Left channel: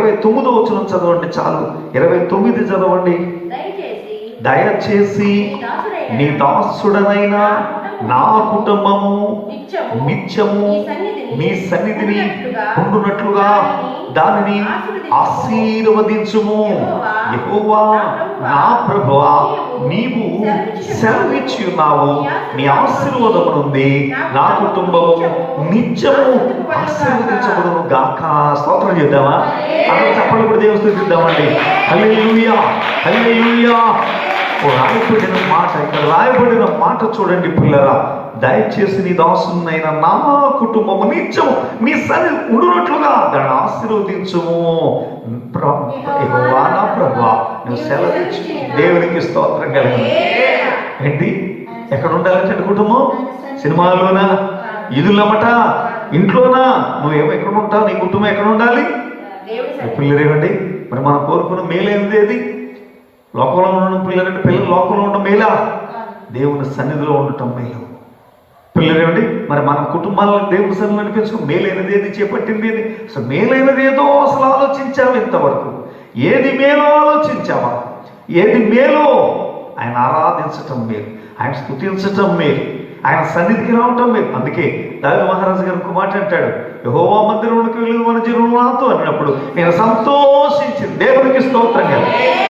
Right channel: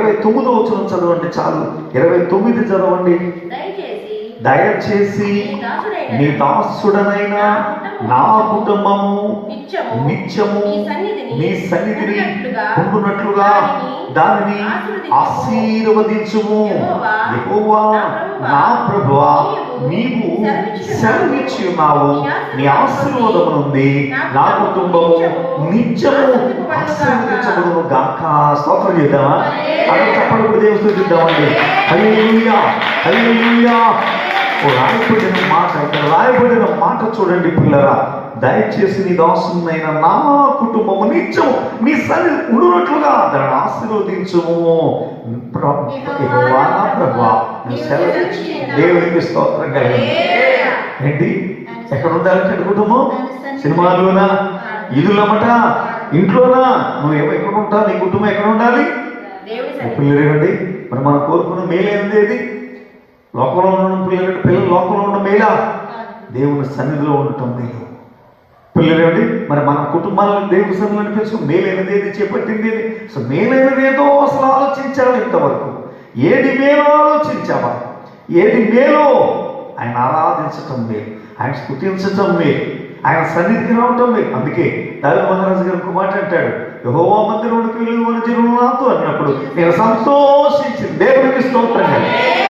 29వ వచనం చదవండి చాలు. 29 చదవండి. దయచేసి నీ దాసుడనైన నా కుటుంబము నిత్యము నీ సన్నిధిని ఉండునట్లుగా దానిని ఆశీర్వదించుము. యెహోవా నా ప్రభువా, నీవు సెలవిచ్చి ఉన్నావు. నీ ఆశీర్వాదము నుండి నా కుటుంబము నిత్యము ఆశీర్వదించబడును గాక. స్తోత్రం చేద్దామా? అని చెప్పడం దేవుడిద్దామండి. హల్లెలూయా, హల్లెలూయా. రాయబడిన మాట, ఇక్కడ రాయబడిన మాట చూడండి పిల్లరా. దయచేసి నీ దాసునైన నా కుటుంబము నిత్యము నీ సన్నిధి ఉండునట్లుగా దాన్ని ఆశీర్వదించుము. యెహోవా నా ప్రభువా, నువ్వు సెలవిచ్చి. దేవునికి స్తోత్రం కలుగును. ఏంటి ఎక్కడ ఉండాలంటే కుటుంబం? సినిమాలోనా, ఇల్లులమట, ఇంట్లోనా? నువ్వు ఎక్కడ ఉంటావు? నీ కుటుంబం ఎక్కడ ఉండాలి? పిల్లలేనండి, మరి మనం కోరుకున్న మేలేనిది ఏది? లోకంలో ఉండడం పిల్లలు లోకంలో ఉండడం మేలా? దేవుని సన్నిధిలో ఉండటం మేలు. పిల్లలేండి, మరి మన కుటుంబాలను దేవుని సన్నిధిలో అనిపించుకుని మేలైనది ఏది, చేపట్టింది ఏది? అసలు మేలైనది ఏదో అసలు ఆలోచించావా? ఇంతవరకు ఏది మేలో ఆలోచించావా? ఏది మేలో? ఆయన ఆరాధించటం మేలు, ఆయన స్తుతించటం మేలు, ఆయన సన్నిధికి రావటం మేలు. అందుకే దావీదు మహారాజు గారు ఒక మాట అంటాడు, యెహోవా మందిరంలోకి వెళ్ళి మన జనులు నాతో అన్నప్పుడు నేను సంతోషించి. దేవునికి స్తోత్రం.